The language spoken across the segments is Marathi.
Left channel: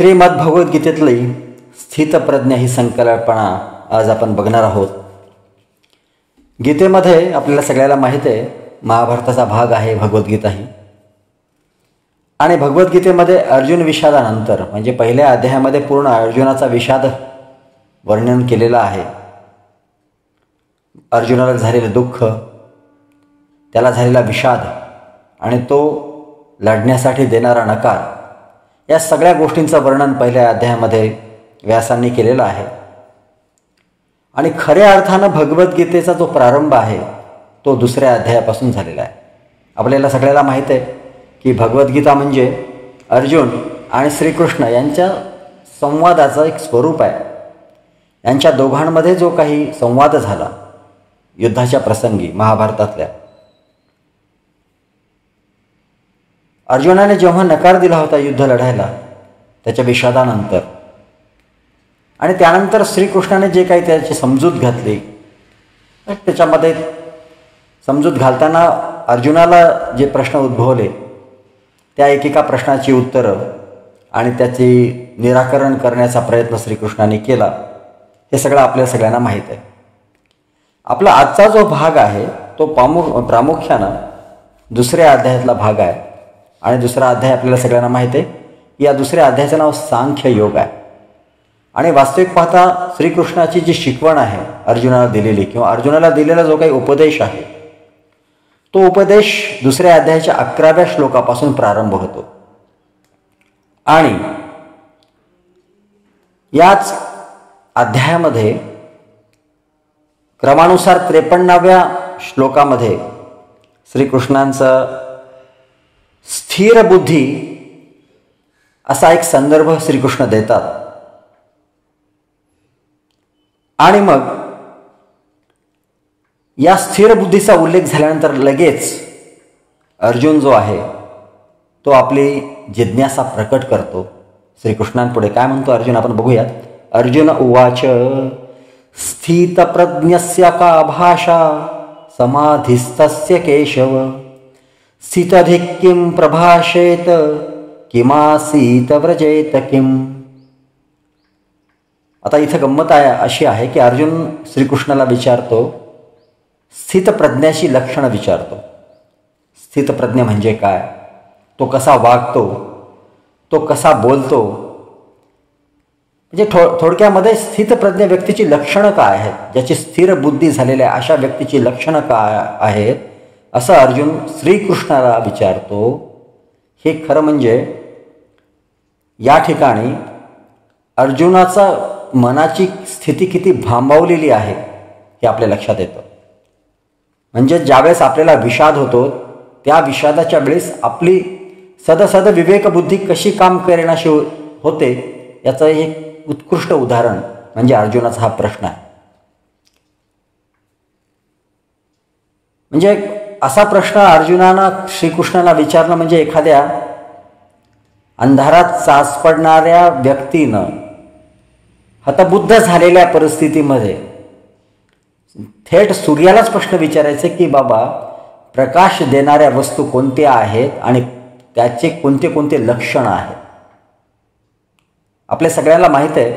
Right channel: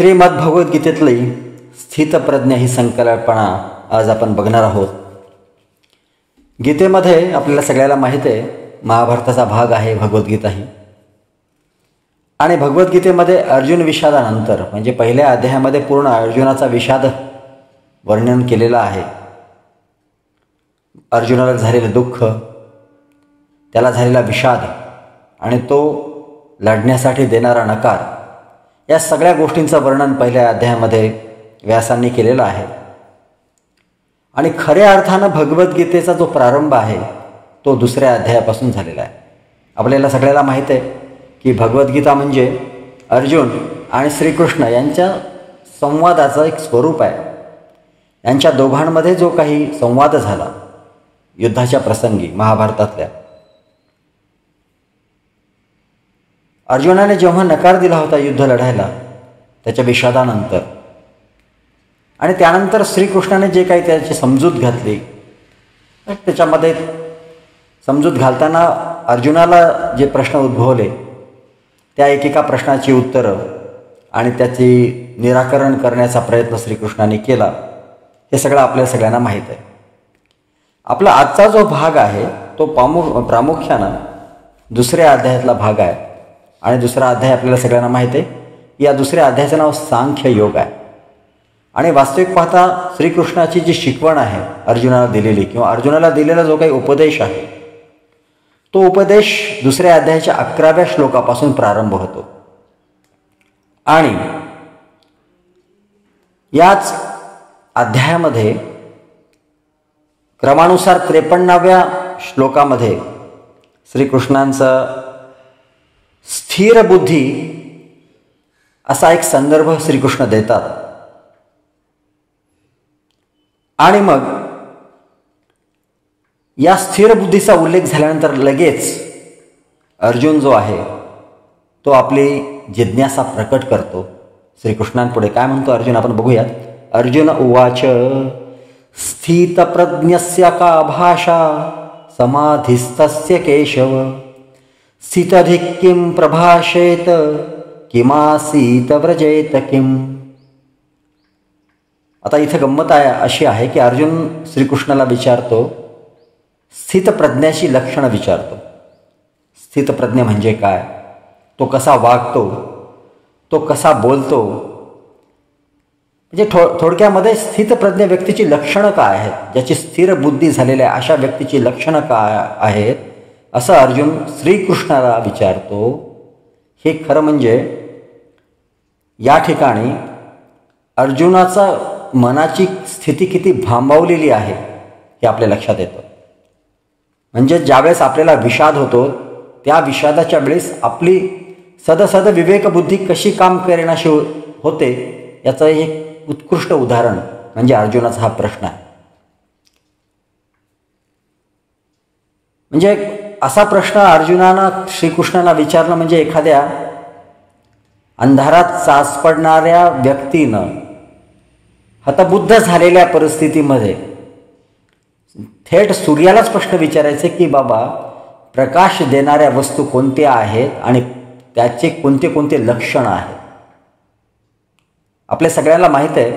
श्रीमद्भगवद्गीतेतली स्थितप्रज्ञ ही संकल्पना आज आपण बघणार आहोत. गीतेमध्ये आपल्याला सगळ्याला माहिती आहे महाभारताचा भाग आहे भगवद्गीता ही. आणि भगवद्गीतेमध्ये अर्जुन विषादानंतर म्हणजे पहिल्या अध्यायामध्ये पूर्ण अर्जुनाचा विषाद वर्णन केलेला आहे. अर्जुनाला झालेलं दुःख, त्याला झालेला विषाद आणि तो लढण्यासाठी देणारा नकार, या सगळ्या गोष्टींचं वर्णन पहिल्या अध्यायामध्ये व्यासांनी केलेलं आहे. आणि खऱ्या अर्थानं भगवद्गीतेचा जो प्रारंभ आहे तो दुसऱ्या अध्यायापासून झालेला आहे. आपल्याला सगळ्याला माहिती आहे की भगवद्गीता म्हणजे अर्जुन आणि श्रीकृष्ण यांच्या संवादाचं एक स्वरूप आहे. यांच्या दोघांमध्ये जो काही संवाद झाला युद्धाच्या प्रसंगी महाभारतातल्या, अर्जुनाने जेव्हा नकार दिला होता युद्ध लढायला त्याच्या विषादानंतर, आणि त्यानंतर श्रीकृष्णाने जे काही त्याची समजूत घातली, त्याच्यामध्ये समजूत घालताना अर्जुनाला जे प्रश्न उद्भवले त्या एकेका प्रश्नाची उत्तरं आणि त्याचे निराकरण करण्याचा प्रयत्न श्रीकृष्णाने केला, हे सगळं आपल्या सगळ्यांना माहीत आहे. आपला आजचा जो भाग आहे तो प्रामुख्यानं दुसऱ्या अध्यायातला भाग आहे. आणि दुसरा अध्याय आपल्याला सगळ्यांना माहिती आहे, या दुसऱ्या अध्यायाचं नाव सांख्य योग आहे. आणि वास्तविक पाहता श्रीकृष्णाची जी शिकवण आहे अर्जुनाला दिलेली, किंवा अर्जुनाला दिलेला जो काही उपदेश आहे तो उपदेश दुसऱ्या अध्यायाच्या 11व्या श्लोकापासून प्रारंभ होतो. आणि याच अध्यायामध्ये क्रमानुसार 53व्या श्लोकामध्ये श्रीकृष्णांचं स्थिर बुद्धी असा एक संदर्भ श्रीकृष्ण देतात. आणि मग या स्थिर बुद्धीचा उल्लेख झाल्यानंतर लगेच अर्जुन जो आहे तो आपली जिज्ञासा प्रकट करतो श्रीकृष्णांपुढे. काय म्हणतो अर्जुन आपण बघूया. अर्जुन उवाच स्थितप्रज्ञस्य का भाषा समाधिस्तस्य केशव स्थितधिक किं प्रभाषेत किमासीत व्रजेत किम. आता इथं गंमत अशी आहे की अर्जुन श्रीकृष्णाला विचारतो, स्थितप्रज्ञाची लक्षणं विचारतो. स्थितप्रज्ञ म्हणजे काय, तो कसा वागतो, तो कसा बोलतो, म्हणजे थोडक्यामध्ये स्थितप्रज्ञ व्यक्तीची लक्षणं काय आहेत, ज्याची स्थिर बुद्धी झालेली आहे अशा व्यक्तीची लक्षणं काय आहेत, असं अर्जुन श्रीकृष्णाला विचारतो. हे खरं म्हणजे या ठिकाणी अर्जुनाचा मनाची स्थिती किती भांबावलेली आहे हे आपल्या लक्षात येतं. म्हणजे ज्यावेळेस आपल्याला विषाद होतो त्या विषादाच्या वेळेस आपली सदसद विवेकबुद्धी कशी काम करेनाशी होते याचं एक उत्कृष्ट उदाहरण म्हणजे अर्जुनाचा हा प्रश्न आहे. म्हणजे असा प्रश्न अर्जुनानं श्रीकृष्णाला विचारणं म्हणजे एखाद्या अंधारात साचपडणाऱ्या व्यक्तीनं हतबुद्ध झालेल्या परिस्थितीमध्ये थेट सूर्यालाच प्रश्न विचारायचे की बाबा प्रकाश देणाऱ्या वस्तू कोणत्या आहेत आणि त्याचे कोणते कोणते लक्षण आहेत. आपल्या सगळ्यांना माहित आहे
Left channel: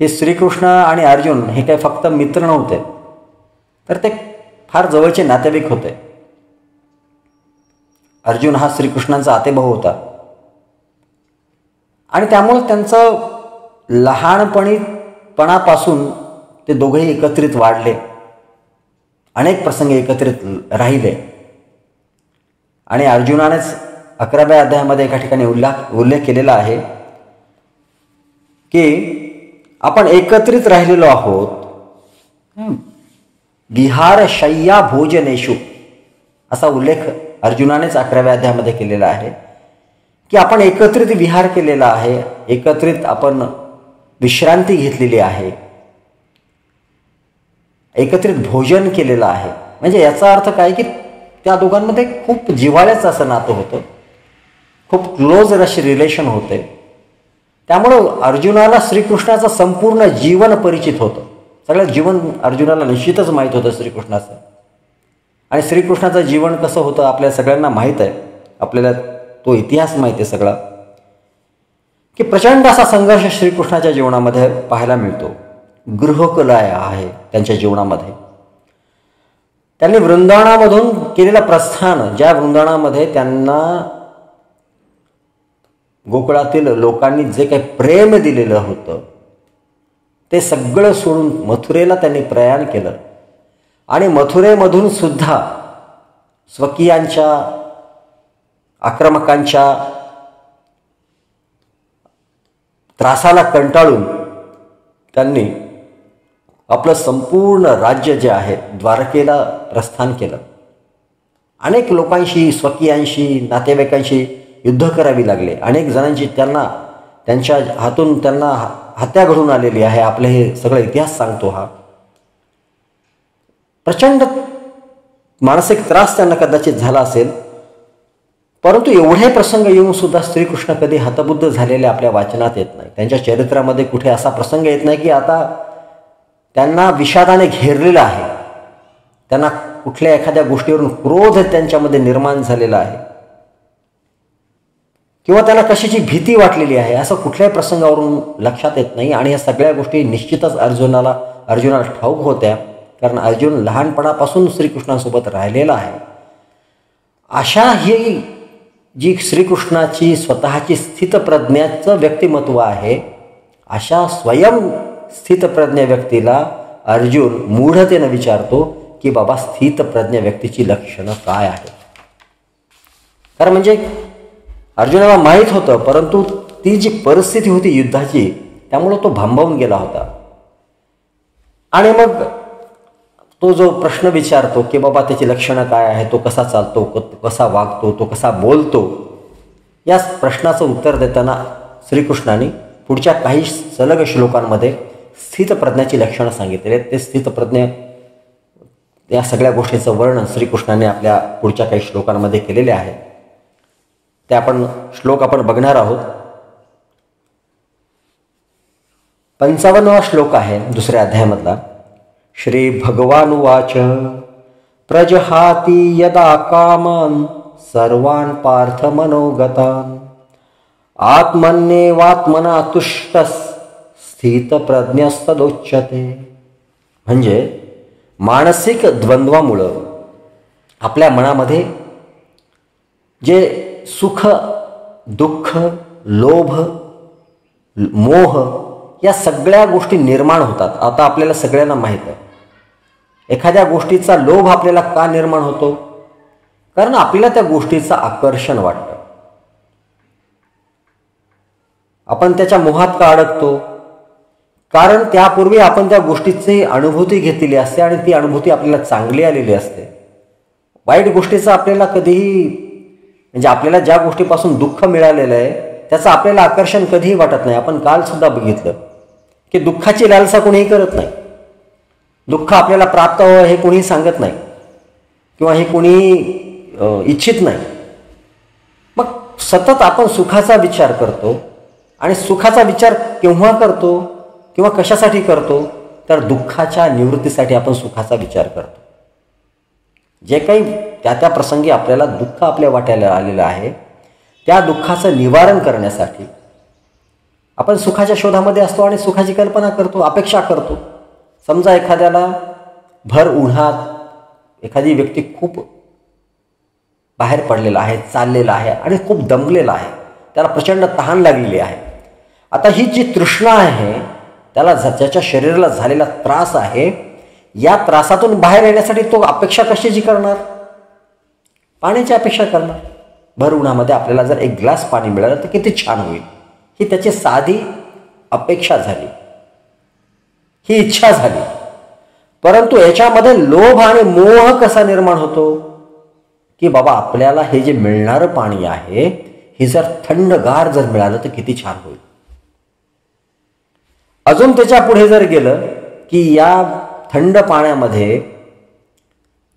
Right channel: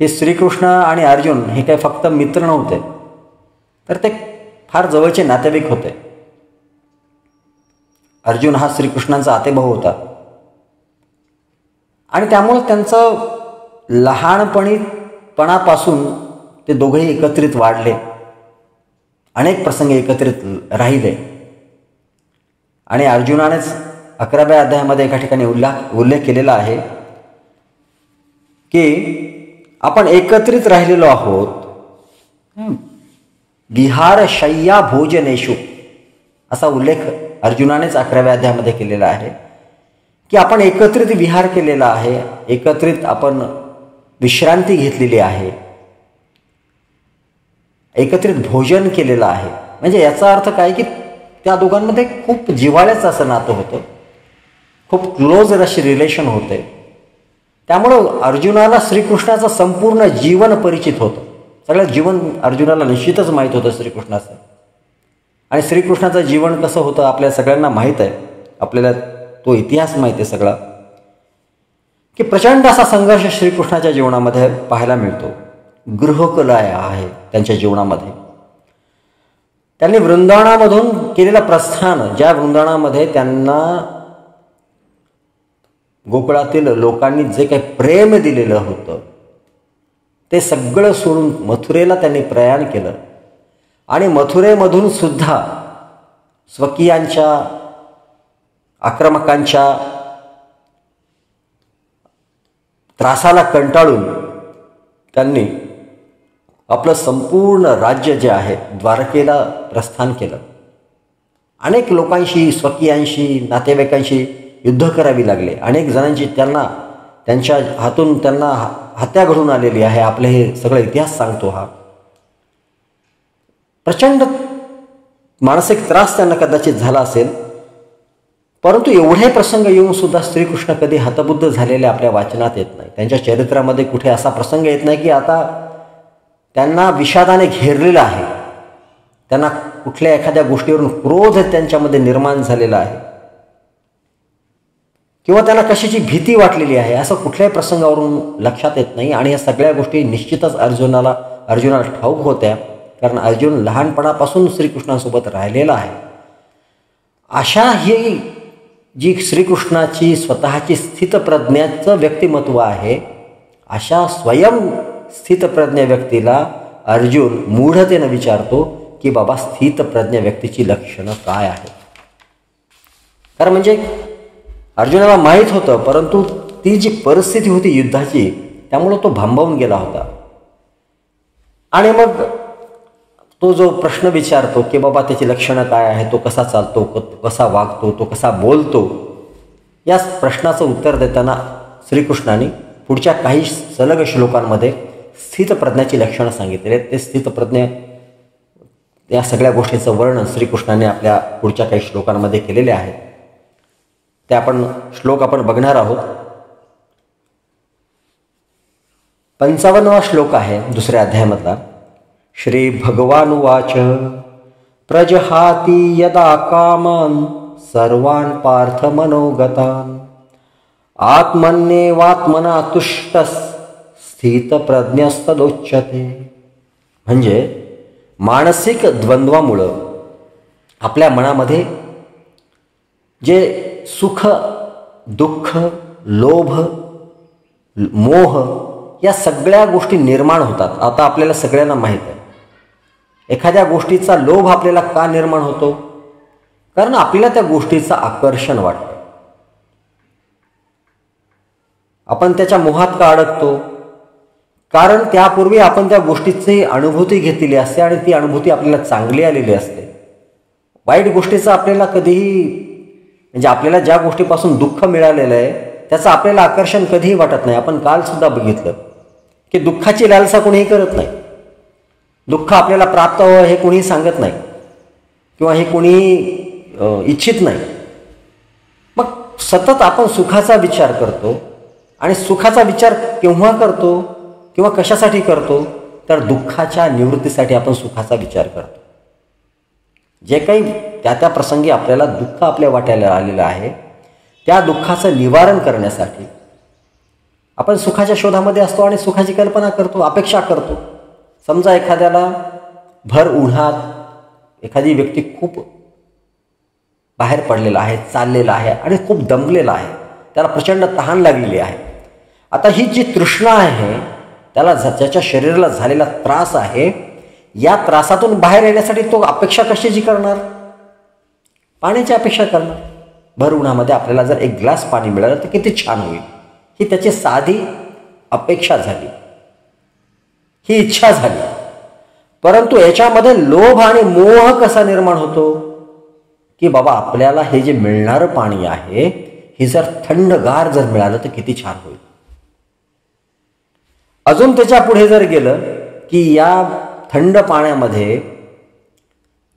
हे श्रीकृष्ण आणि अर्जुन हे काही फक्त मित्र नव्हते, तर ते फार जवळचे नातेवाईक होते. अर्जुन हा श्रीकृष्णांचा आतेभाऊ होता आणि त्यामुळे त्यांचं लहानपणापासून ते दोघेही एकत्रित वाढले, अनेक प्रसंग एकत्रित राहिले. आणि अर्जुनानेच 11व्या अध्यायामध्ये एका ठिकाणी उल्लेख केलेला आहे की आपण एकत्रित राहिलेलो आहोत विहार शय्या भोजनेषु, असा उल्लेख अर्जुनानेच 11व्या अध्यायामध्ये केलेला आहे की आपण एकत्रित विहार केलेला आहे, एकत्रित आपण विश्रांती घेतलेली आहे, एकत्रित भोजन केलेलं आहे. म्हणजे याचा अर्थ काय की त्या दोघांमध्ये खूप जिव्हाळ्याचं असं नातं होतं, खूप क्लोज अशी रिलेशन होते. त्यामुळं अर्जुनाला श्रीकृष्णाचं संपूर्ण जीवन परिचित होतं. सगळं जीवन अर्जुनाला निश्चितच माहीत होतं श्रीकृष्णाचं. आणि श्रीकृष्णाचं जीवन कसं होतं आपल्या सगळ्यांना माहीत आहे, आपल्याला तो इतिहास माहीत आहे सगळा. की प्रचंड असा संघर्ष श्रीकृष्णाच्या जीवनामध्ये पाहायला मिळतो. गृहकलय आहे त्यांच्या जीवनामध्ये. त्यांनी वृंदावनामधून केलेलं प्रस्थान, ज्या वृंदावनामध्ये त्यांना गोकुळातील लोकांनी जे काही प्रेम दिलेलं होतं ते सगळं सोडून मथुरेला त्यांनी प्रयाण केलं. आणि मथुरेमधून सुद्धा स्वकीयांच्या, आक्रमकांच्या त्रासाला कंटाळून त्यांनी आपलं संपूर्ण राज्य जे आहे द्वारकेला प्रस्थान केलं. अनेक लोकांशी, स्वकीयांशी, नातेवाईकांशी युद्ध करावी लागले. अनेक जणांची त्यांच्या हातून त्यांना हत्या घडून आलेली आहे. आपले हे सगळं इतिहास सांगतो. हा प्रचंड मानसिक त्रास त्यांना कदाचित झाला असेल. परंतु एवढे प्रसंग येऊन सुद्धा श्रीकृष्ण कधी हतबुद्ध झालेले आपल्या वाचनात येत नाही. त्यांच्या चरित्रामध्ये कुठे असा प्रसंग येत नाही की आता त्यांना विषादाने घेरलेला आहे, त्यांना कुठल्या एखाद्या गोष्टीवरून क्रोध त्यांच्यामध्ये निर्माण झालेला आहे किंवा त्यांना कशाची भीती वाटलेली आहे, असं कुठल्याही प्रसंगावरून लक्षात येत नाही. आणि या सगळ्या गोष्टी निश्चितच अर्जुनाला ठाऊक होत्या, कारण अर्जुन लहानपणापासून श्रीकृष्णासोबत राहिलेला आहे. अशा ही जी श्रीकृष्णाची स्वतःची स्थितप्रज्ञाचं व्यक्तिमत्व आहे, अशा स्वयं स्थितप्रज्ञ व्यक्तीला अर्जुन मूढतेनं विचारतो की बाबा स्थितप्रज्ञ व्यक्तीची लक्षणं काय आहेत. कारण म्हणजे अर्जुनाला माहीत होतं, परंतु ती जी परिस्थिती होती युद्धाची त्यामुळे तो भांबावून गेला होता. आणि मग तो जो प्रश्न विचारतो की बाबा त्याची लक्षणं काय आहे, तो कसा चालतो, कसा वागतो, तो कसा बोलतो, या प्रश्नाचं उत्तर देताना श्रीकृष्णाने पुढच्या काही सलग श्लोकांमध्ये स्थितप्रज्ञाची लक्षणं सांगितलेली आहेत. ते स्थितप्रज्ञ या सगळ्या गोष्टीचं वर्णन श्रीकृष्णाने आपल्या पुढच्या काही श्लोकांमध्ये केलेले आहे. ते श्लोक आपण बघणार आहोत. 55वा श्लोक आहे दुसऱ्या अध्यायामधला. श्री भगवानुवाच प्रजहाति यदा कामान सर्वान् पार्थ मनोगतान् आत्मन्येवात्मना तुष्टस् स्थितप्रज्ञस्तदोच्यते. म्हणजे मानसिक द्वंद्वामुळं आपल्या मनामध्ये जे सुख, दुःख, लोभ, मोह या सगळ्या गोष्टी निर्माण होतात. आता आपल्याला सगळ्यांना माहित आहे, एखाद्या गोष्टीचा लोभ आपल्याला का निर्माण होतो? कारण आपल्याला त्या गोष्टीचं आकर्षण वाटतं. आपण त्याच्या मोहात का अडकतो? कारण त्यापूर्वी आपण त्या गोष्टीची अनुभूती घेतलेली असते आणि ती अनुभूती आपल्याला चांगली आलेली असते. वाईट गोष्टीचं आपल्याला कधीही, म्हणजे आपल्याला ज्या गोष्टीपासून दुःख मिळालेलं आहे त्याचं आपल्याला आकर्षण कधीही वाटत नाही. आपण काल सुद्धा बघितलं की दुःखाची लालसा कोणीही करत नाही. दुःख आपल्याला प्राप्त व्हावं हे कोणीही सांगत नाही किंवा हे कोणीही इच्छित नाही. मग सतत आपण सुखाचा विचार करतो. आणि सुखाचा विचार केव्हा करतो किंवा कशासाठी करतो? तर दुःखाच्या निवृत्तीसाठी आपण सुखाचा विचार करतो. जे काही त्या प्रसंगी आपल्याला दुःख आपल्या वाट्याला आलेलं आहे त्या दुःखाचं निवारण करण्यासाठी आपण सुखाच्या शोधामध्ये असतो आणि सुखाची कल्पना करतो, अपेक्षा करतो. समजा एखाद्याला भर उन्हात एखादी व्यक्ती खूप बाहेर पडलेला आहे, चाललेला आहे आणि खूप दमलेला आहे, त्याला प्रचंड तहान लागलेली आहे. आता ही जी तृष्णा आहे, त्याला ज्याच्या शरीराला झालेला त्रास आहे, या त्रासातून बाहेर येण्यासाठी तो अपेक्षा कशाची करणार? पाण्याची अपेक्षा करणार. भर उन्हामध्ये आपल्याला जर एक ग्लास पाणी मिळालं तर किती छान होईल, ही त्याची साधी अपेक्षा झाली, ही इच्छा झाली. परंतु याच्यामध्ये लोभ आणि मोह कसा निर्माण होतो की बाबा आपल्याला हे जे मिळणारं पाणी आहे हे जर थंडगार जर मिळालं तर किती छान होईल. अजून त्याच्या पुढे जर गेलं की या थंड पाण्यामध्ये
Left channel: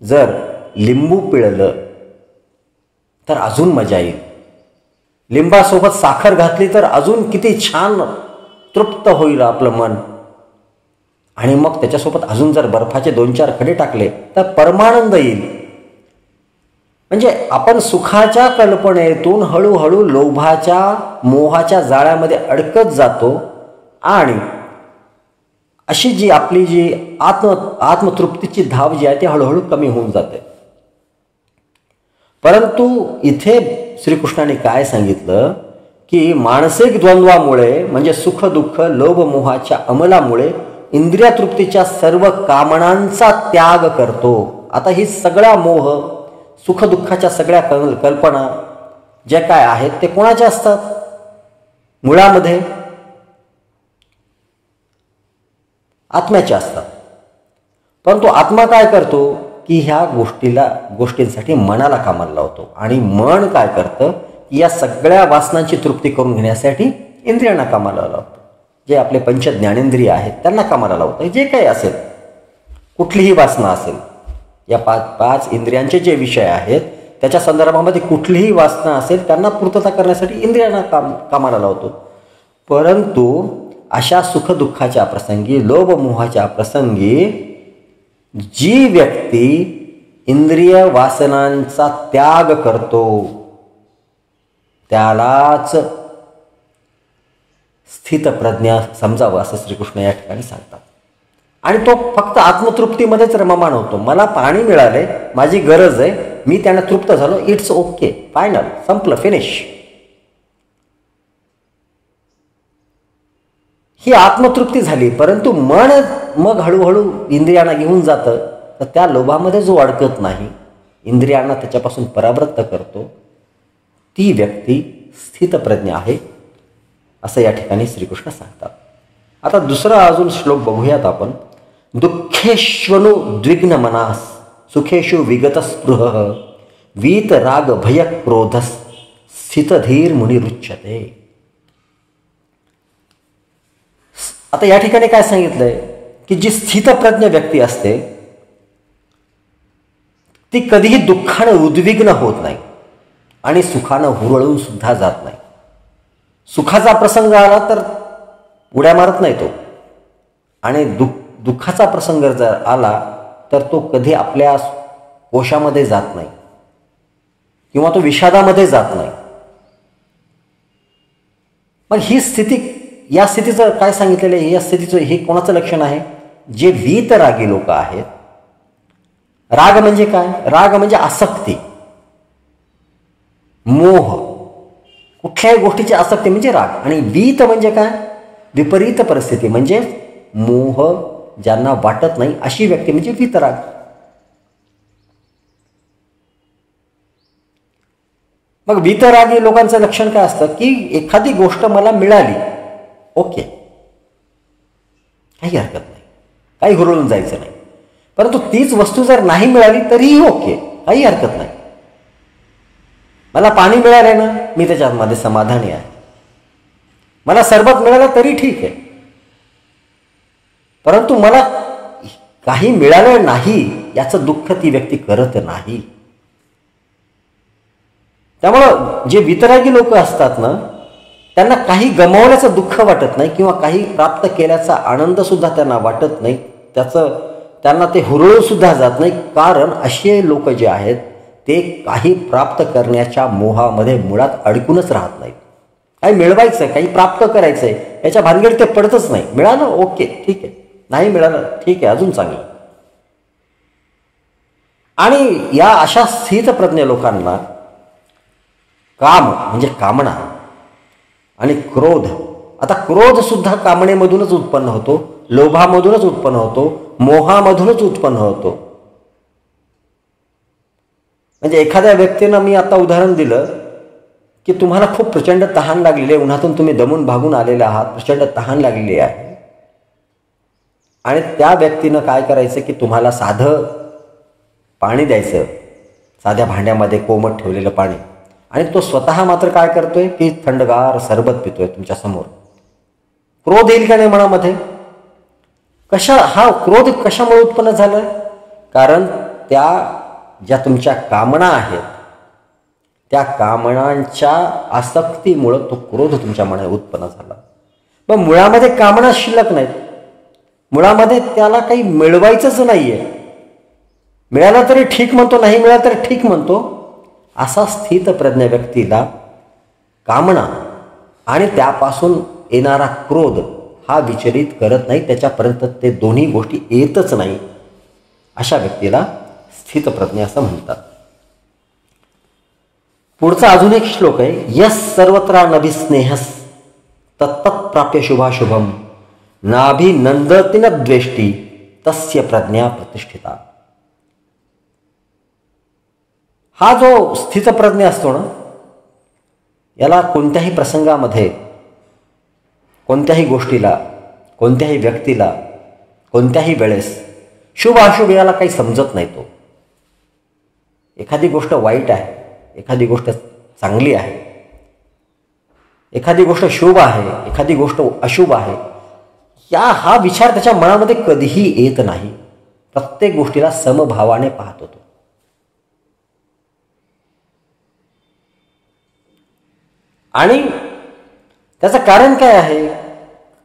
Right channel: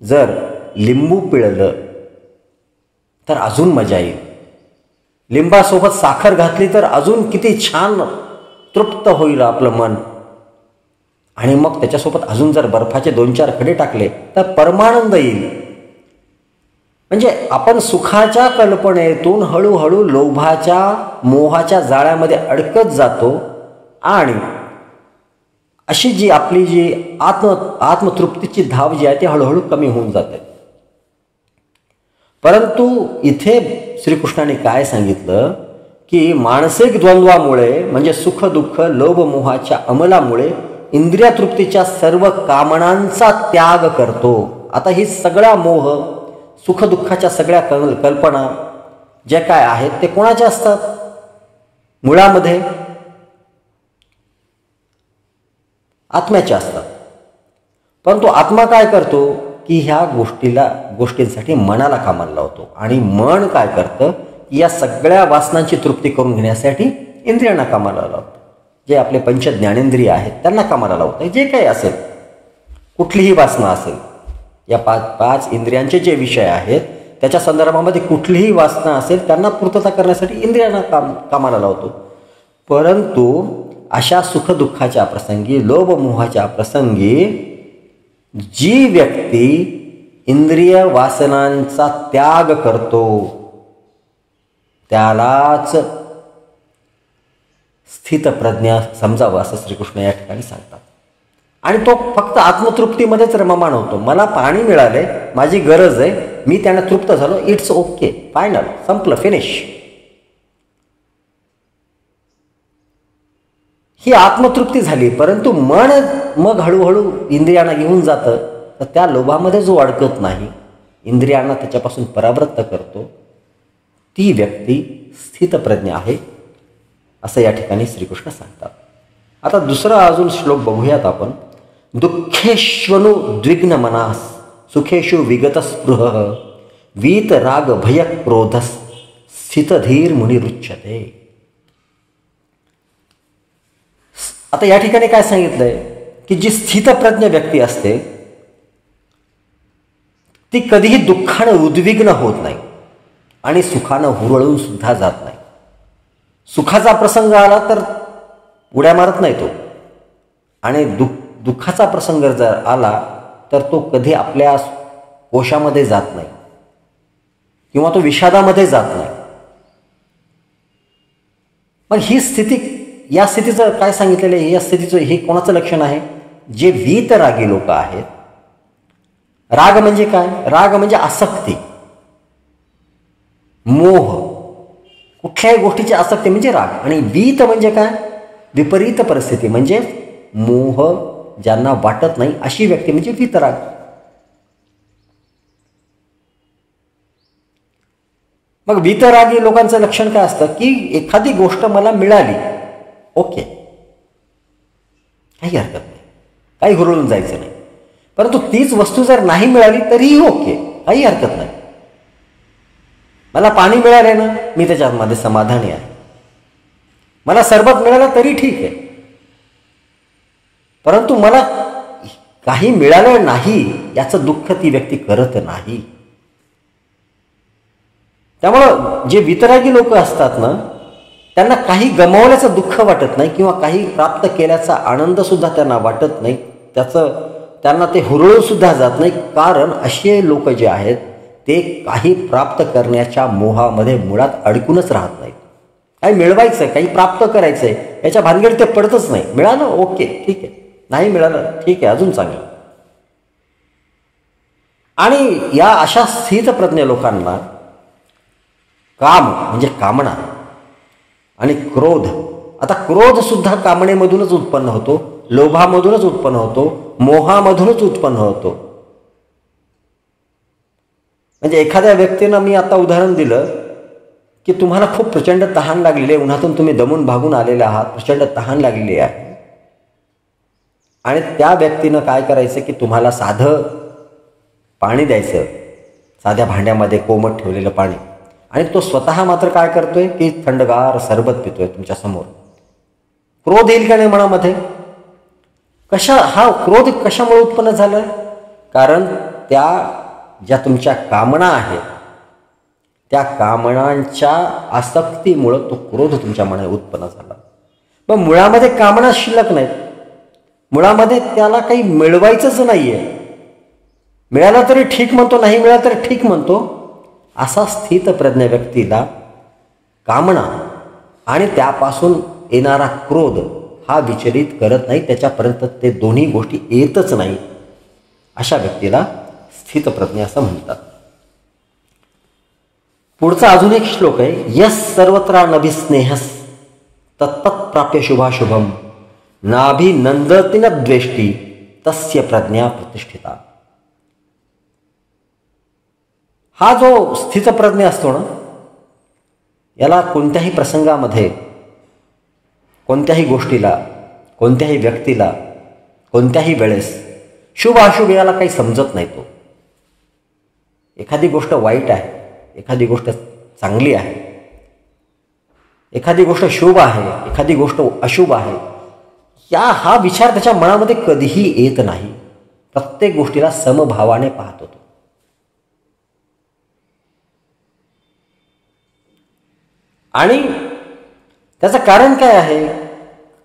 जर लिंबू पिळलं तर अजून मजा येईल. लिंबासोबत साखर घातली तर अजून किती छान तृप्त होईल आपलं मन. आणि मग त्याच्यासोबत अजून जर बर्फाचे 2-4 खडे टाकले तर परमानंद येईल. म्हणजे आपण सुखाच्या कल्पनेतून हळूहळू लोभाच्या मोहाच्या जाळ्यामध्ये अडकत जातो आणि अशी जी आपली जी आत्मतृप्तीची धाव जी आहे ती हळूहळू कमी होऊन जाते. परंतु इथे श्रीकृष्णाने काय सांगितलं की मानसिक द्वंद्वामुळे म्हणजे सुख दुःख लोभ मोहाच्या अंमलामुळे इंद्रिय तृप्तीच्या सर्व कामनांचा त्याग करतो. आता ही सगळ्या मोह सुख दुःखाच्या सगळ्या कल्पना ज्या काय आहेत ते कोणाच्या असतात? मुळामध्ये आत्म्याच्या असतात. परंतु आत्मा काय करतो की ह्या गोष्टींसाठी मनाला कामाला लावतो आणि मन काय करतं की या सगळ्या वासनांची तृप्ती करून घेण्यासाठी इंद्रियांना कामाला लावतं. जे आपले पंच ज्ञानेंद्रिय आहेत त्यांना कामाला लावतं. जे काही असेल कुठलीही वासना असेल या पाच इंद्रियांचे जे विषय आहेत त्याच्या संदर्भामध्ये कुठलीही वासना असेल त्यांना पूर्तता करण्यासाठी इंद्रियांना कामाला लावतो. परंतु अशा सुखदुःखाच्या प्रसंगी लोभ मोहाच्या प्रसंगी जी व्यक्ती इंद्रिय वासनांचा त्याग करतो त्यालाच स्थितप्रज्ञा समजावं असं श्रीकृष्ण या ठिकाणी सांगतात. आणि तो फक्त आत्मतृप्तीमध्येच रममाण होतो. मला पाणी मिळाले, माझी गरज आहे, मी त्याने तृप्त झालो, इट्स ओके, फायनल, संपलं, फिनिश. ही आत्मतृप्ती झाली. परंतु मन मग हळूहळू इंद्रियांना घेऊन जातं. तर त्या लोभामध्ये जो अडकत नाही, इंद्रियांना त्याच्यापासून परावृत्त करतो, ती व्यक्ती स्थितप्रज्ञ आहे असं या ठिकाणी श्रीकृष्ण सांगतात. आता दुसरा अजून श्लोक बघूयात आपण. दुःखेष्वनु द्विग्न मनास सुखेषु विगत स्पृह वीत राग भय क्रोधस स्थितधीर मुनिरुच्यते. आता या ठिकाणी काय सांगितलंय की जी स्थितप्रज्ञ व्यक्ती असते ती कधीही दुःखानं उद्विग्न होत नाही आणि सुखानं हुरळून सुद्धा जात नाही. सुखाचा प्रसंग आला तर उड्या मारत नाही तो, आणि दुःखाचा प्रसंग जर आला तर तो कधी आपल्या कोशामध्ये जात नाही किंवा तो विषादामध्ये जात नाही. पण ही स्थिती, या स्थितीचं काय सांगितलेलं आहे, या स्थितीचं हे कोणाचं लक्षण आहे? जे वीतरागी लोक आहेत. राग म्हणजे काय? राग म्हणजे आसक्ती, मोह, कुठल्याही गोष्टीची आसक्ती म्हणजे राग. आणि वीत म्हणजे काय? विपरीत परिस्थिती म्हणजे मोह ज्यांना वाटत नाही अशी व्यक्ती म्हणजे वीतराग. मग वीतरागी लोकांचं लक्षण काय असतं की एखादी गोष्ट मला मिळाली, ओके, काही हरकत नाही, काही हुरळून जायचं नाही. परंतु तीच वस्तू जर नाही मिळाली तरीही ओके, काही हरकत नाही. मला पाणी मिळाले ना, मी त्याच्यामध्ये समाधानी आहे. मला सरबत मिळालं तरी ठीक आहे. परंतु मला काही मिळालं नाही याचं दुःख ती व्यक्ती करत नाही. त्यामुळं जे वितरागी लोक असतात ना, त्यांना काही गमावण्याचं दुःख वाटत नाही किंवा काही प्राप्त केल्याचा आनंद सुद्धा त्यांना वाटत नाही. त्यांना ते हुरळून सुद्धा जात नाही. कारण असे लोक जे आहेत ते काही प्राप्त करण्याच्या मोहामध्ये मुळात अडकूनच राहत नाहीत. काही मिळवायचंय, काही प्राप्त करायचंय याच्या भानगडीत ते पडतच नाही. मिळालं ओके ठीक आहे, नाही मिळालं ठीक आहे, अजून चांगलं. आणि या अशा स्थितप्रज्ञ लोकांना काम म्हणजे कामना आणि क्रोध, आता क्रोध सुद्धा कामनेमधूनच उत्पन्न होतो, लोभामधूनच उत्पन्न होतो, मोहामधूनच उत्पन्न होतो. म्हणजे एखाद्या व्यक्तीनं, मी आता उदाहरण दिलं की तुम्हाला खूप प्रचंड तहान लागलेली आहे, उन्हातून तुम्ही दमून भागून आलेले आहात, प्रचंड तहान लागलेली आहे, आणि त्या व्यक्तीनं काय करायचं की तुम्हाला साधं पाणी द्यायचं, साध्या भांड्यामध्ये कोमट ठेवलेलं पाणी, आणि तो स्वतः मात्र काय करतोय की थंडगार सरबत पितोय तुमच्या समोर. क्रोध येईल का नाही मनामध्ये? हा क्रोध कशामुळे उत्पन्न झाला? कारण त्या ज्या तुमच्या कामना आहेत त्या कामनांच्या आसक्तीमुळे तो क्रोध तुमच्या मनात उत्पन्न झाला. मग मुळामध्ये कामना शिल्लक नाहीत, मुळामध्ये त्याला काही मिळवायचंच नाहीये. मिळाला तरी ठीक म्हणतो, नाही मिळाला तरी ठीक म्हणतो, असा स्थित प्रज्ञ व्यक्तीला कामना आणि त्यापासून येणारा क्रोध हा विचलित करत नाही, त्याच्यापर्यंत ते दोन्ही गोष्टी येतच नाही. अशा व्यक्तीला स्थितप्रज्ञ असं म्हणतात. पुढचा अजून एक श्लोक आहे. यस सर्वत्र नभिस्नेहस तत्तत् प्राप्य शुभाशुभम नाभिनंदति न द्वेष्टी तस्य प्रज्ञा प्रतिष्ठिता. हा जो स्थितप्रज्ञ असतो ना, याला कोणत्याही प्रसंगामध्ये, कोणत्याही गोष्टीला, कोणत्याही व्यक्तीला, कोणत्याही वेळेस शुभ अशुभ याला काही समजत नाही. तो एखादी गोष्ट वाईट आहे, एखादी गोष्ट चांगली आहे, एखादी गोष्ट शुभ आहे, एखादी गोष्ट अशुभ आहे, हा विचार त्याच्या मनामध्ये कधीही येत नाही. प्रत्येक गोष्टीला समभावाने पाहतो तो. आणि त्याचं कारण काय आहे?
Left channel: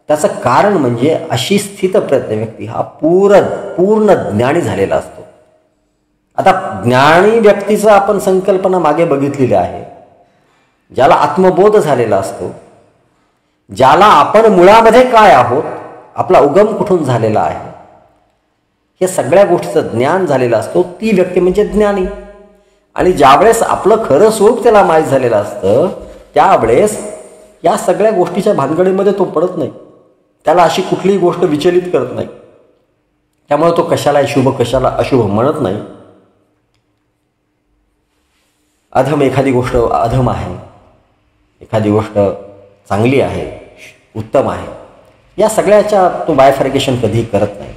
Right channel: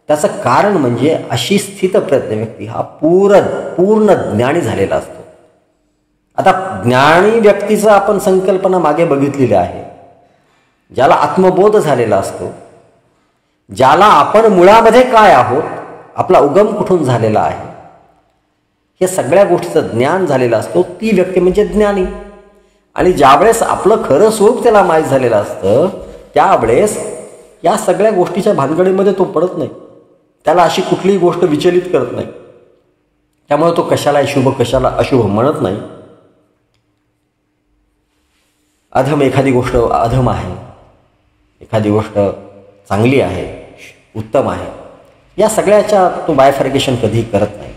त्याचं कारण म्हणजे अशी स्थितप्रज्ञ व्यक्ती हा पूर्ण ज्ञानी झालेला असतो. आता ज्ञानी व्यक्तीचं आपण संकल्पना मागे बघितलेली आहे. ज्याला आत्मबोध झालेला असतो, ज्याला आपण मुळामध्ये काय आहोत, आपला उगम कुठून झालेला आहे, हे सगळ्या गोष्टीचं ज्ञान झालेलं असतो, ती व्यक्ती म्हणजे ज्ञानी. आणि ज्यावेळेस आपलं खरं स्वरूप त्याला माहीत झालेलं असतं, त्यावेळेस या सगळ्या गोष्टीच्या भानगडीमध्ये तो पडत नाही. त्याला अशी कुठलीही गोष्ट विचलित करत नाही. त्यामुळे तो कशाला शुभ कशाला अशुभ म्हणत नाही. अधम, एखादी गोष्ट अधम आहे, एखादी गोष्ट चांगली आहे, उत्तम आहे, या सगळ्याच्या तो बायफर्गेशन कधीही करत नाही.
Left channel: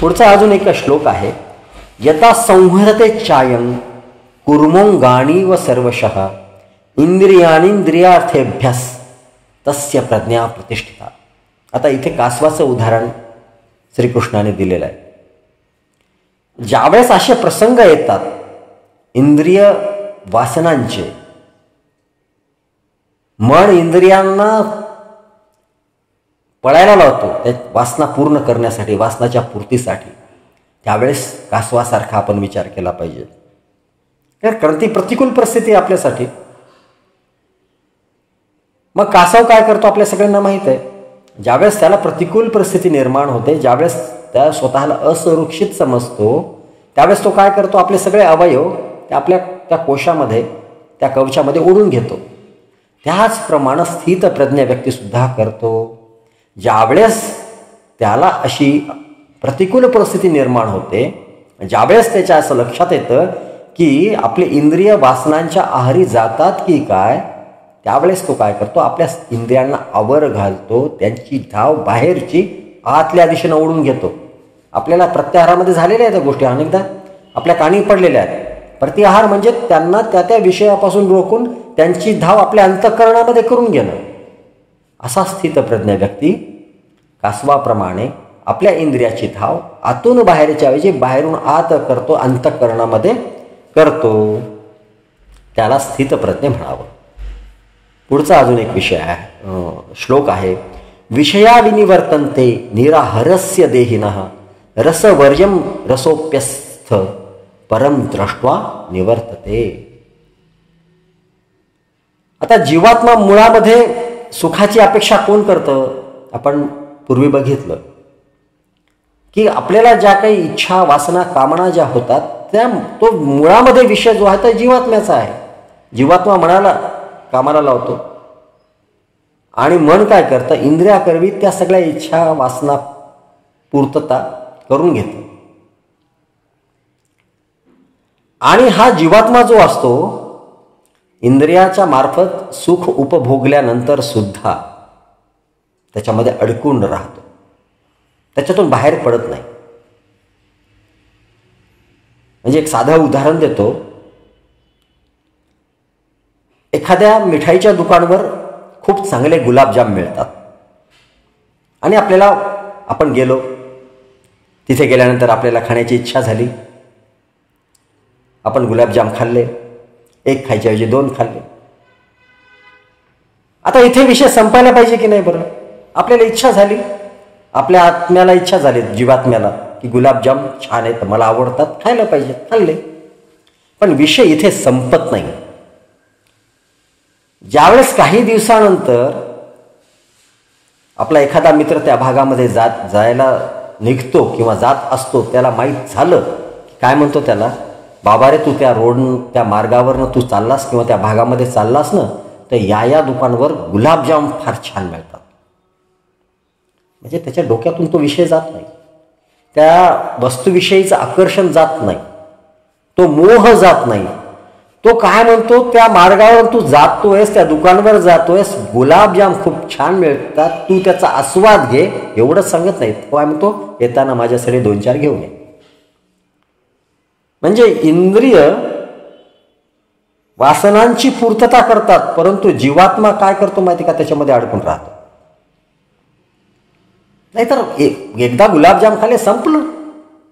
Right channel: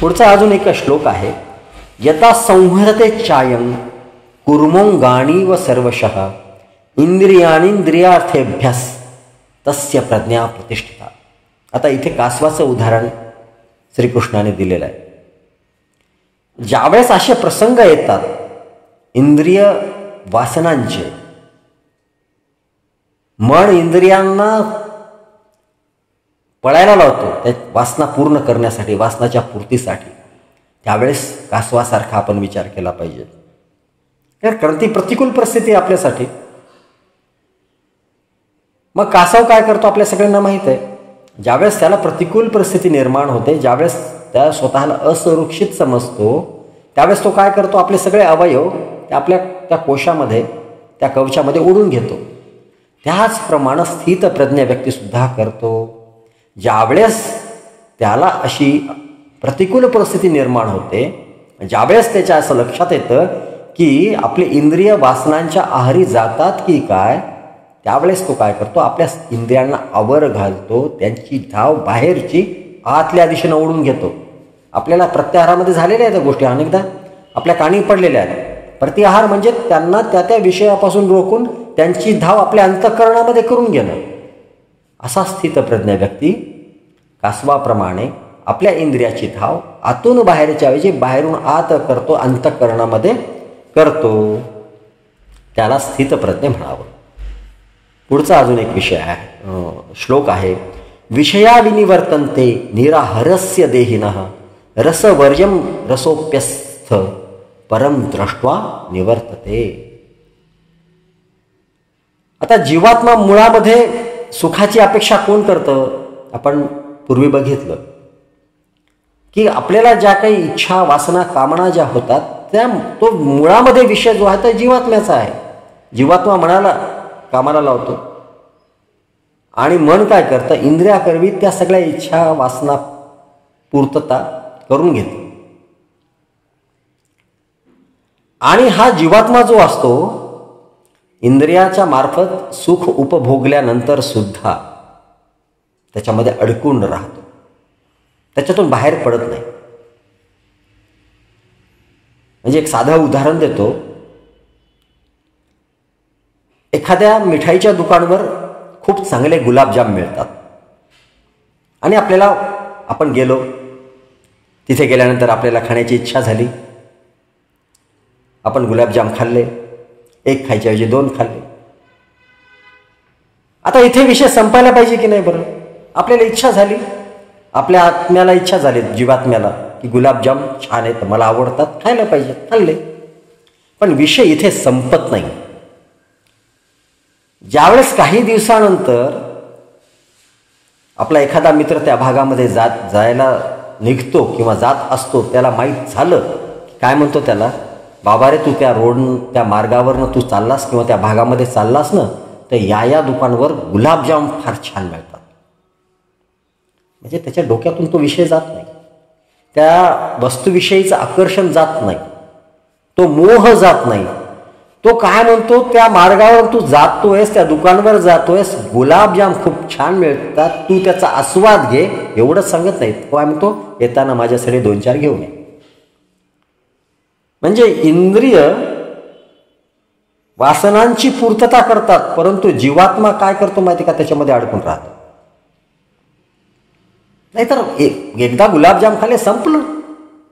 पुढचा अजून एक श्लोक आहे. यथा संहरते चायं कुर्मोंगाणी व सर्वशः इंद्रियार्थेभ्यास तस्य प्रज्ञा प्रतिष्ठिता. आता इथे कासवाचं उदाहरण श्रीकृष्णाने दिलेलं आहे. ज्यावेळेस असे प्रसंग येतात इंद्रिय वासनांचे, मन इंद्रियांना पळायला लावतो त्या वासना पूर्ण करण्यासाठी, वासनाच्या पूर्तीसाठी, त्यावेळेस कासवासारखा आपण विचार केला पाहिजे. कारण ती प्रतिकूल परिस्थिती आपल्यासाठी. मग कासव काय करतो आपल्या सगळ्यांना माहित आहे. ज्यावेळेस त्याला प्रतिकूल परिस्थिती निर्माण होते, ज्यावेळेस त्या स्वतःला असुरक्षित समजतो, त्यावेळेस तो काय करतो, आपले सगळे अवयव आपल्या त्या कोशामध्ये, त्या कवचामध्ये ओढून घेतो. त्याचप्रमाणे स्थित प्रज्ञ व्यक्ती सुद्धा करतो. ज्यावेळेस त्याला अशी प्रतिकूल परिस्थिती निर्माण होते, ज्यावेळेस त्याच्या असं लक्षात येतं की आपले इंद्रिय वासनांच्या आहारी जातात की काय, त्यावेळेस तो काय करतो, आपल्या इंद्रियांना आवर घालतो, त्यांची धाव बाहेरची आतल्या दिशेनं ओढून घेतो. आपल्याला प्रत्याहारामध्ये झालेल्या आहेत गोष्टी, अनेकदा आपल्या कानी पडलेल्या आहेत. प्रत्याहार म्हणजे त्यांना त्या विषयापासून रोखून त्यांची धाव आपल्या अंतःकरणामध्ये करून घेणं. असा स्थितप्रज्ञ व्यक्ती कासवाप्रमाणे आपल्या इंद्रियाची धाव आतून बाहेरच्या ऐवजी बाहेरून आत करतो, अंतःकरणामध्ये करतो. त्याला स्थितप्रज्ञ म्हणावं. पुढचा अजून एक विषय आहे, श्लोक आहे. विषया विनिवर्तन्ते निराहरस्य देहिनः रसवर्यं रसोप्यस्थ परम दृष्ट्वा निवर्तते. आता जीवात्मा मुळामध्ये सुखाची अपेक्षा कोण करतं? आपण पूर्वी बघितलं की आपल्याला ज्या काही इच्छा, वासना, कामना ज्या होतात, त्या तो मुळामध्ये विषय जो आहे तो जीवात्म्याचा आहे. जीवात्मा मनाला कामाला लावतो आणि मन काय करतं, इंद्रियाकरवी त्या सगळ्या इच्छा, वासना पूर्तता करून घेतो. आणि हा जीवात्मा जो असतो, इंद्रियाच्या मार्फत सुख उपभोगल्यानंतर सुद्धा त्याच्यामध्ये अडकून राहतो, त्याच्यातून बाहेर पडत नाही. म्हणजे एक साधं उदाहरण देतो. एखाद्या मिठाईच्या दुकानावर खूप चांगले गुलाबजाम मिळतात आणि आपण गेलो, तिथे गेल्यानंतर आपल्याला खाण्याची इच्छा झाली, आपण गुलाबजाम खाल्ले, एक खायच्या ऐवजी 2 खाल्ले. आता इथे विषय संपायला पाहिजे की नाही बरं? आपल्याला इच्छा झाली, आपल्या आत्म्याला इच्छा झाली, जीवात्म्याला, की गुलाबजाम छान आहेत, मला आवडतात, खायला पाहिजे, खाल्ले. पण विषय इथे संपत नाही. ज्यावेळेस काही दिवसानंतर आपला एखादा मित्र त्या भागामध्ये जायला निघतो किंवा जात असतो, त्याला माहीत झालं, काय म्हणतो त्याला, बाबा रे तू त्या मार्गावरनं तू चाललास किंवा त्या भागामध्ये चाललास ना, तर या दुकानावर गुलाबजाम फार छान मिळतात. म्हणजे त्याच्या डोक्यातून तो विषय जात नाही, त्या वस्तूविषयीचं आकर्षण जात नाही, तो मोह जात नाही. तो काय म्हणतो, त्या मार्गावर तू जातोयस, त्या दुकानावर जातोयस, गुलाबजाम खूप छान मिळतात, तू त्याचा आस्वाद घे, एवढंच सांगत नाही. काय म्हणतो, येताना माझ्यासाठी 2-4 घेऊन ये. म्हणजे इंद्रिय वासनांची पूर्तता करतात, परंतु जीवात्मा काय करतो माहिती का, त्याच्यामध्ये अडकून राहतो. नाहीतर एकदा गुलाबजाम खाल्ले संपलं,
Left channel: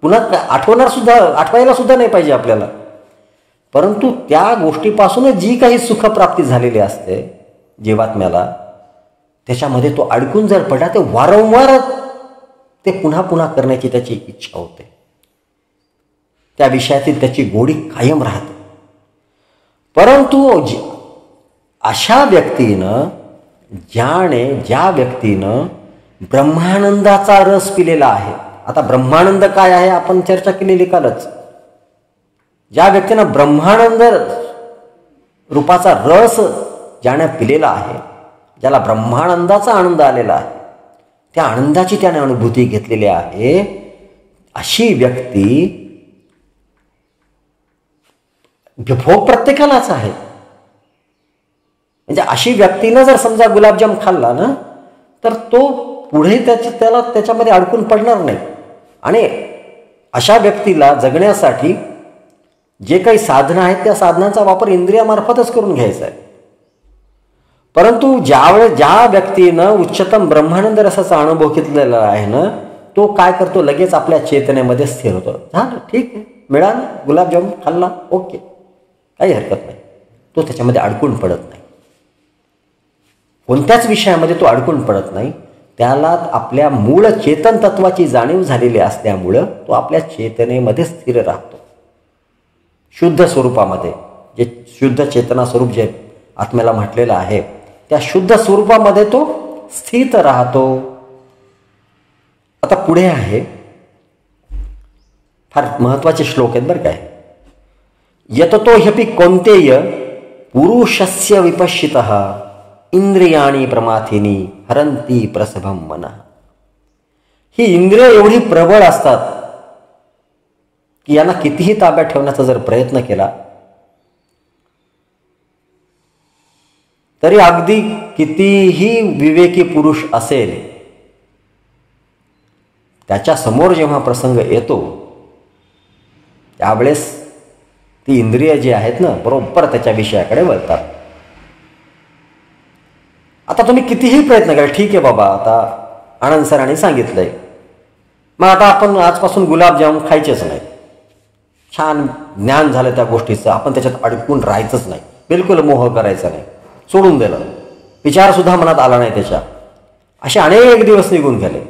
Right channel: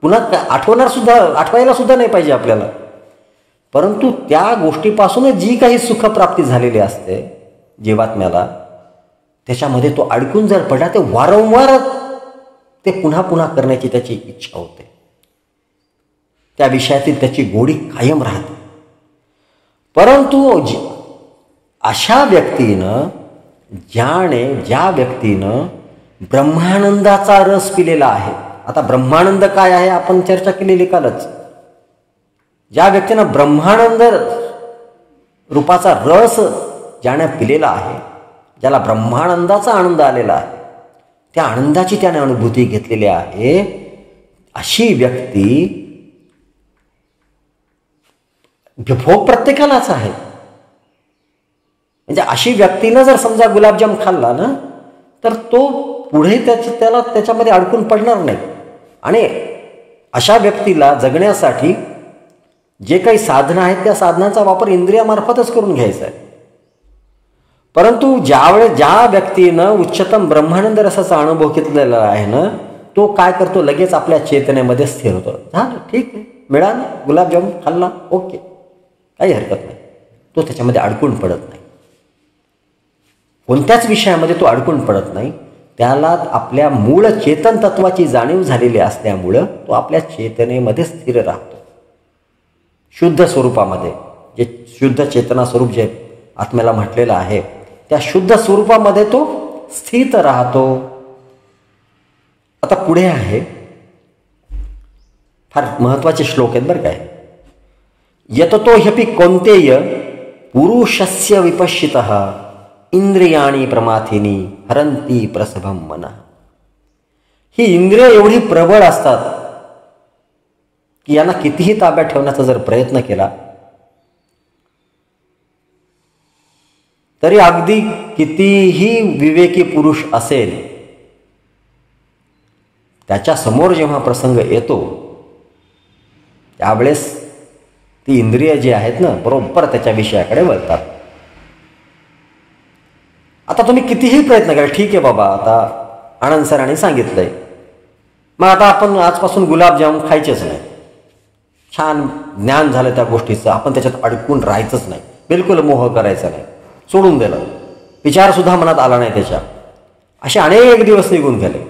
पुन्हा आठवायला सुद्धा नाही पाहिजे आपल्याला. परंतु त्या गोष्टीपासूनच जी काही सुखप्राप्ती झालेली असते जीवात्म्याला, त्याच्यामध्ये तो अडकून जर पडला, ते वारंवार ते पुन्हा पुन्हा करण्याची त्याची इच्छा होते, त्या विषयातील त्याची गोडी कायम राहते. परंतु अशा व्यक्तीनं, ज्या व्यक्तीनं ब्रह्मानंदाचा रस पिलेला आहे. आता ब्रह्मानंद काय आहे आपण चर्चा केलेली कालच. ज्या व्यक्तीनं ब्रह्मानंद रूपाचा रस ज्याने पिलेला आहे, ज्याला ब्रह्मानंदाचा आनंद आलेला आहे, त्या आनंदाची त्याने अनुभूती घेतलेली आहे, अशी व्यक्ती, भोग प्रत्येकालाच आहे. म्हणजे अशी व्यक्तीनं जर समजा गुलाबजाम खाल्ला ना, तर तो पुढे त्याला त्याच्यामध्ये अडकून पडणार नाही. आणि अशा व्यक्तीला जगण्यासाठी जे काही साधनं आहेत, त्या साधनांचा वापर इंद्रियामार्फतच करून घ्यायचा आहे. परंतु ज्या व्यक्तीनं उच्चतम ब्रह्मानंद रसाचा अनुभव घेतलेला आहे ना, तो काय करतो, लगेच आपल्या चेतनेमध्ये स्थिर होतो. झालं, ठीक आहे, मिळालं गुलाबजामुन, खाल्ला, ओके, काही हरकत नाही. तो त्याच्यामध्ये अडकून पडत नाही, कोणत्याच विषयामध्ये तो अडकून पडत नाही. त्याला आपल्या मूळ चेतन तत्वाची जाणीव झालेली असल्यामुळं तो आपल्या चेतनेमध्ये स्थिर राहतो. शुद्ध स्वरूपामध्ये, जे शुद्ध चेतना स्वरूप जे आत्म्याला म्हटलेलं आहे, त्या शुद्ध स्वरूपामध्ये तो स्थित राहतो. आता पुढे आहे, फार महत्वाचे श्लोक आहेत बरं काय. यततो ह्यपि कौन्तेय पुरुषस्य विपश्चितः इंद्रियाणी प्रमाथिनी हरंती प्रसभम मनः. ही इंद्रिय एवढी प्रबळ असतात की यांना कितीही ताब्यात ठेवण्याचा जर प्रयत्न केला तरी अगदी कितीही विवेकी पुरुष असेल, त्याच्या समोर जेव्हा प्रसंग येतो त्यावेळेस ती इंद्रिय जी आहेत ना, बरोबर त्याच्या विषयाकडे वळतात. आता तुम्ही कितीही प्रयत्न करा, ठीक आहे बाबा, आता आनंद सरांनी सांगितलंय, मग आता आपण आजपासून गुलाबजाम खायचेच नाही, छान ज्ञान झालं त्या गोष्टीचं, आपण त्याच्यात अडकून राहायचंच नाही, बिलकुल मोह करायचा नाही, सोडून दिलं, विचार सुद्धा मनात आला नाही त्याच्या. असे अनेक दिवस निघून गेले.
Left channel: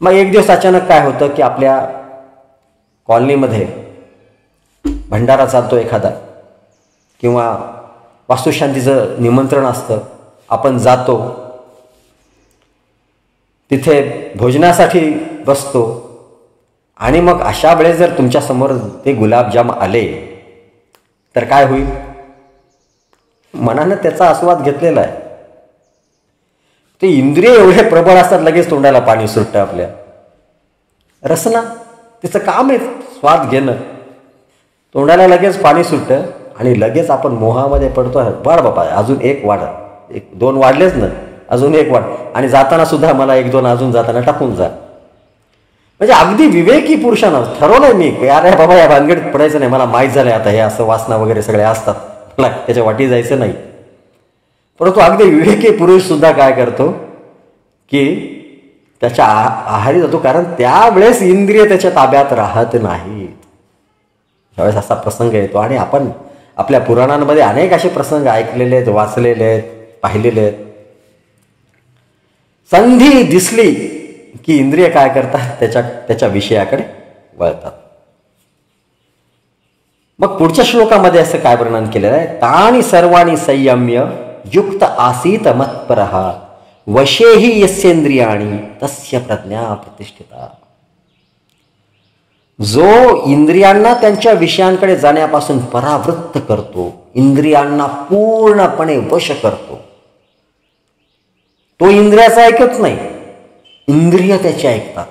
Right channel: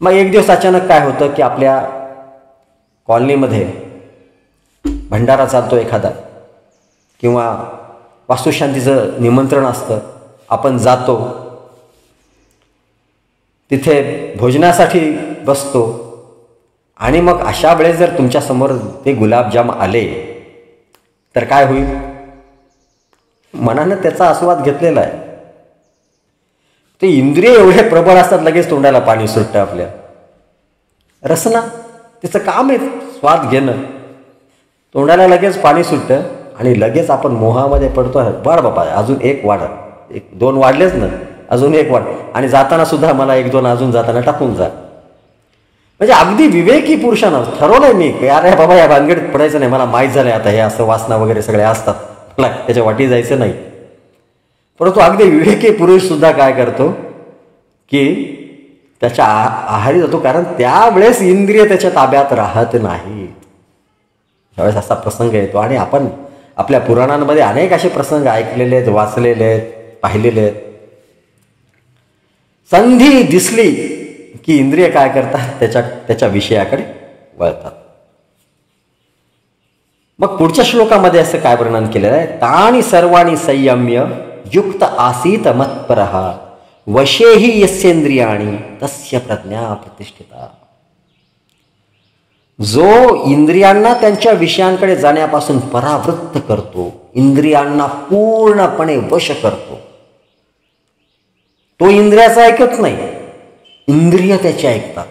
मग एक दिवस अचानक काय होतं की आपल्या कॉलनीमध्ये भंडारा चालतो एखादा, किंवा वास्तुशांतीचं निमंत्रण असतं, आपण जातो, तिथे भोजनासाठी बसतो, आणि मग अशा वेळेस जर तुमच्या समोर ते गुलाबजाम आले तर काय होईल, मनाने त्याचा आस्वाद घेतलेला आहे. ते इंद्रिय एवढे प्रबळ असतात, लगेच तोंडाला पाणी सुटतं आपल्या. रसना तिचं काम आहे स्वाद घेणं, तोंडाला लगेच पाणी सुटतं आणि लगेच आपण मोहामध्ये पडतो. वाढ बाबा, अजून एक वाढ, 1-2 वाढलेच ना, अजून एक वाढ, आणि जाताना सुद्धा मला 1-2 अजून जाताना टाकून जा. म्हणजे अगदी विवेकी पुरुषानं ठरवलंय मी, अरे बाबा या भानगडीत पडायचं नाही, मला माहीत झालंय आता हे असं वासना वगैरे सगळे असतात, मला त्याच्या वाटी जायचं नाही. परंतु अगदी विवेकी पुरुष सुद्धा काय करतो की त्याच्या आहारी जातो, कारण त्यावेळेस इंद्रिय त्याच्या ताब्यात राहत नाहीत. त्यावेळेस असा प्रसंग येतो. आणि आपण आपल्या पुराणांमध्ये अनेक असे प्रसंग ऐकलेले आहेत, वाचलेले आहेत, पाहिलेले आहेत. संधी दिसली की इंद्रिय काय करतात, त्याच्या विषयाकडे वळतात. मग पुढच्या श्लोकामध्ये असं काय वर्णन केलेलं आहे, तानि सर्वाणि संयम्य युक्त आसीत मत्परः वशेहि यस्येंद्रियाणि तस्य प्रज्ञा प्रतिष्ठिता. जो इंद्रियांना त्यांच्या विषयांकडे जाण्यापासून परावृत्त करतो, इंद्रियांना पूर्णपणे वश करतो, तो इंद्रियाचं ऐकत नाही, इंद्रिय त्याचे ऐकतात.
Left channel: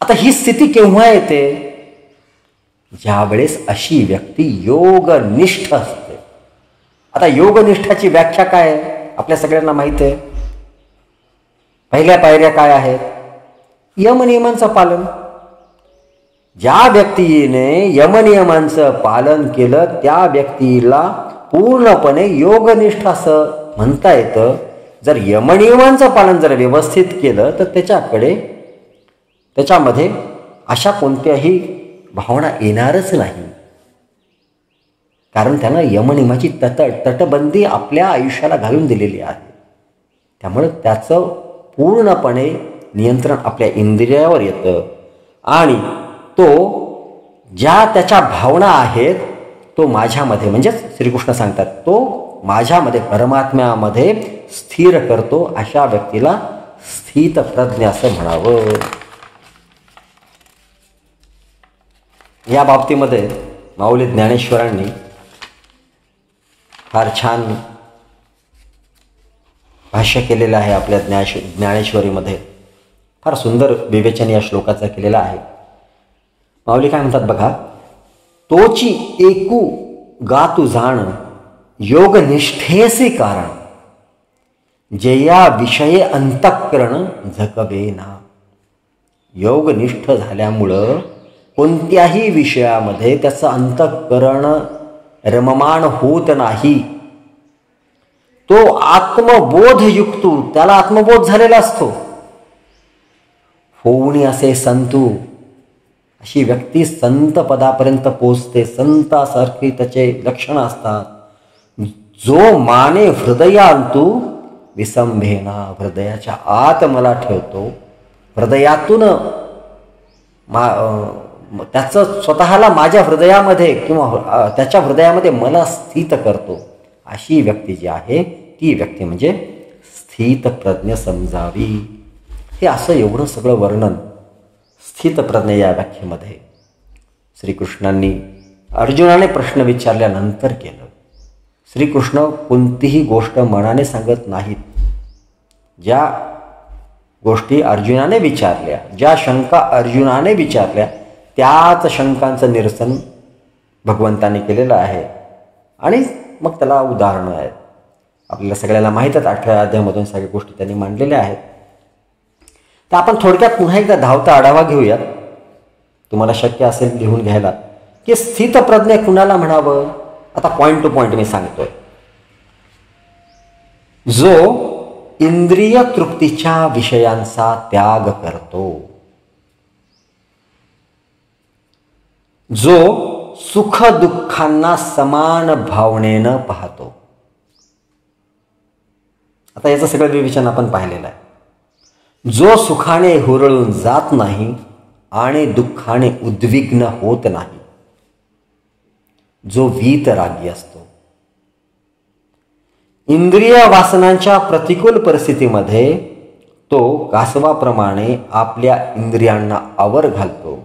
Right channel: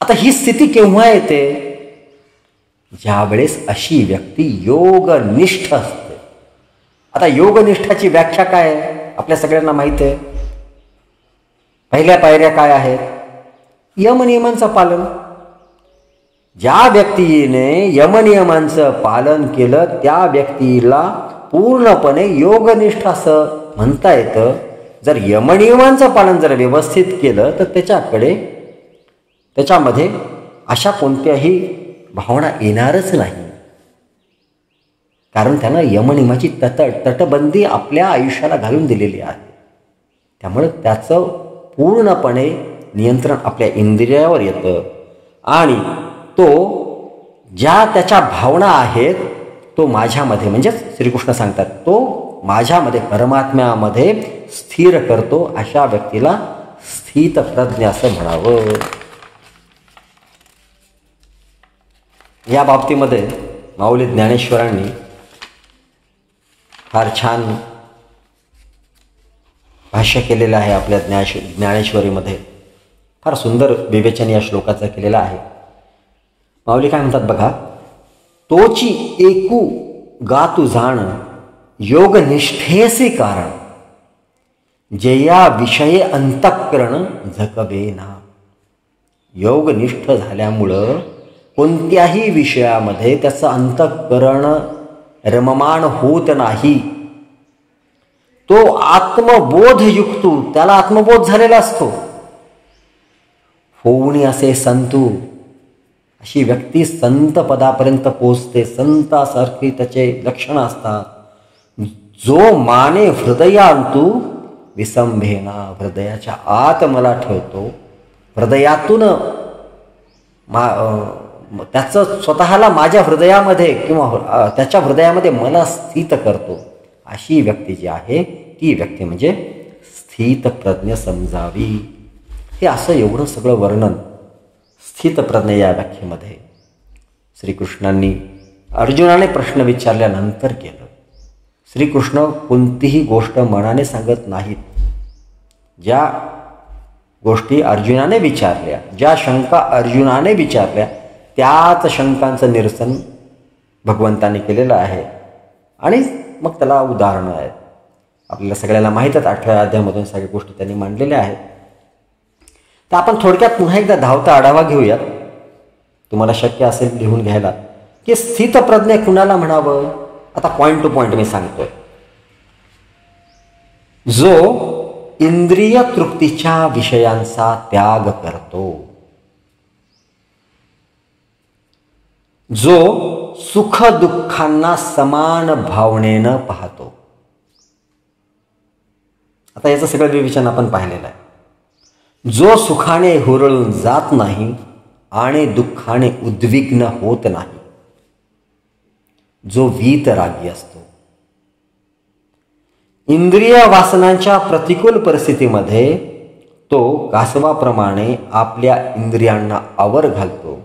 आता ही स्थिती केव्हा येते, ज्यावेळेस अशी व्यक्ती योगनिष्ठ असते. आता योगनिष्ठाची व्याख्या काय आहे आपल्या सगळ्यांना माहित आहे. पहिल्या पायऱ्या काय आहेत, यमनियमांचं पालन. ज्या व्यक्तीने यमनियमांचं पालन केलं त्या व्यक्तीला पूर्णपणे योगनिष्ठ असं म्हणता येतं. जर यमनियमांचं पालन जर व्यवस्थित केलं तर त्याच्यामध्ये अशा कोणत्याही भावना येणारच नाही, कारण त्यानं यमनियमाची तटबंदी आपल्या आयुष्याला घालून दिलेली आहे. त्यामुळे त्याचं पूर्णपणे नियंत्रण आपल्या इंद्रियावर येतं आणि तो ज्या त्याच्या भावना आहेत तो माझ्यामध्ये, म्हणजे श्रीकृष्ण सांगतात, तो माझ्यामध्ये परमात्म्यामध्ये स्थिर करतो. अशा व्यक्तीला स्थित प्रज्ञ असं म्हणावं. या बाबतीमध्ये माऊली ज्ञानेश्वरांनी फार छान भाष्य केलेलं आहे. आपल्या ज्ञानेश्वरीमध्ये फार सुंदर विवेचन या श्लोकाचं केलेलं आहे. माऊली काय म्हणतात बघा, तोची एकू गातू जाण योगनिष्ठेचे कारण, जेया विषये अंतःकरण झकवेना. योगनिष्ठ झाल्यामुळं कोणत्याही विषयामध्ये त्याचं अंतःकरण रममाण होत नाही. तो आत्मबोध युक्तो, त्याला आत्मबोध झालेला असतो. होऊनी असे संतू, अशी व्यक्ती संत पदापर्यंत पोचते. संतासारखी त्याचे लक्षणं असतात. जो माने हृदयांतू विसंभेना, हृदयाच्या आत मला ठेवतो, हृदयातून त्याचं स्वतःला माझ्या हृदयामध्ये किंवा त्याच्या हृदयामध्ये मला स्थित करतो, अशी व्यक्ती जी आहे ती व्यक्ती म्हणजे स्थित प्रज्ञ समजावी. हे असं एवढं सगळं वर्णन स्थितप्रज्ञ या व्याख्येमध्ये श्रीकृष्णांनी अर्जुनाने प्रश्न विचारल्यानंतर केलं. श्रीकृष्ण कोणतीही गोष्ट मनाने सांगत नाहीत. ज्या गोष्टी अर्जुनाने विचारल्या, ज्या शंका अर्जुनाने विचारल्या, त्याच शंकांचं निरसन भगवंताने केलेलं आहे. आणि मग त्याला उदाहरणं आहेत. आपल्याला सगळ्यांना माहीतच 18व्या अध्यायामधून सगळ्या गोष्टी त्यांनी मांडलेल्या आहेत. तर आपण थोडक्यात पुन्हा एकदा धावता आढावा घेऊयात, तुम्हाला शक्य असेल लिहून घ्यायला, की स्थितप्रज्ञ कुणाला म्हणावं. आता पॉइंट टू पॉइंट मी सांगतो. जो इंद्रिय तृप्तीच्या विषयांचा त्याग करतो, जो सुख दुःखांना समान भावनेनं पाहतो. आता याचं सगळं विवेचन आपण पाहिलेलं आहे. जो सुखाने हुरळून जात नाही आणि दुःखाने उद्विग्न होत नाही, जो वीतरागी असतो. इंद्रिय वासनांच्या प्रतिकूल परिस्थितीमध्ये तो कासवाप्रमाणे आपल्या इंद्रियांना आवर घालतो.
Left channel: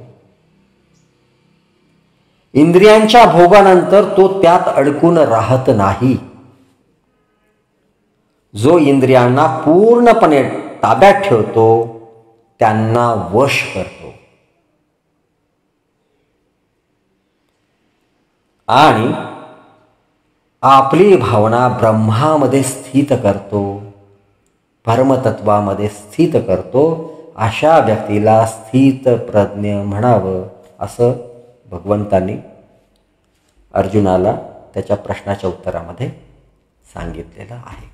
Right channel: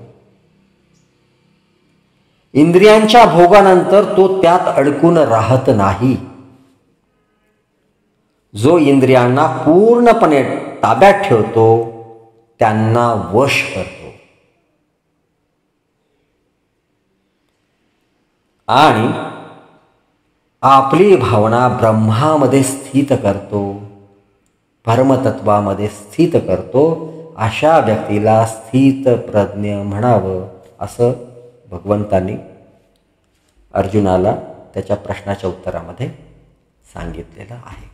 इंद्रियांच्या भोगानंतर तो त्यात अडकून राहत नाही. जो इंद्रियांना पूर्णपणे ताब्यात ठेवतो त्यांना वश करतो आणि आपली भावना ब्रह्मामध्ये स्थित करतो, परमतत्वामध्ये स्थित करतो. अशा व्यक्तीला स्थित प्रज्ञ म्हणावं, असं भगवंतांनी अर्जुनाला त्याच्या प्रश्नाच्या उत्तरामध्ये सांगितलेलं आहे.